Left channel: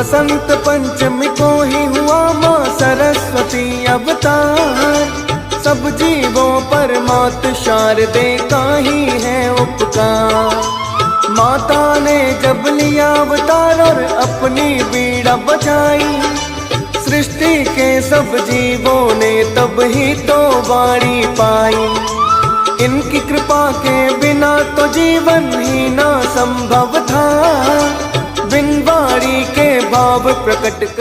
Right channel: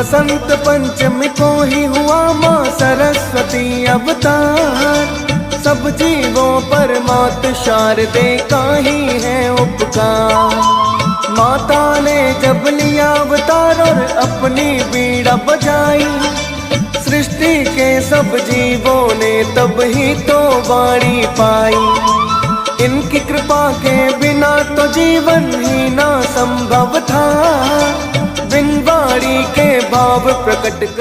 बसंत पंचमी को ही हुआ माँ सरस्वती अवतार। सब जीवों पर मात शारदे का ही है उपकार। माता ने जब लिया अवतार और अपनी बीड़ा बजाई, सृष्टि के सब जीवों ने तब ही तो वाणी पाई। इनकी कृपा के बिना तो जीवन ही ना संभव था, बिन वाणी के भाव प्रकट कर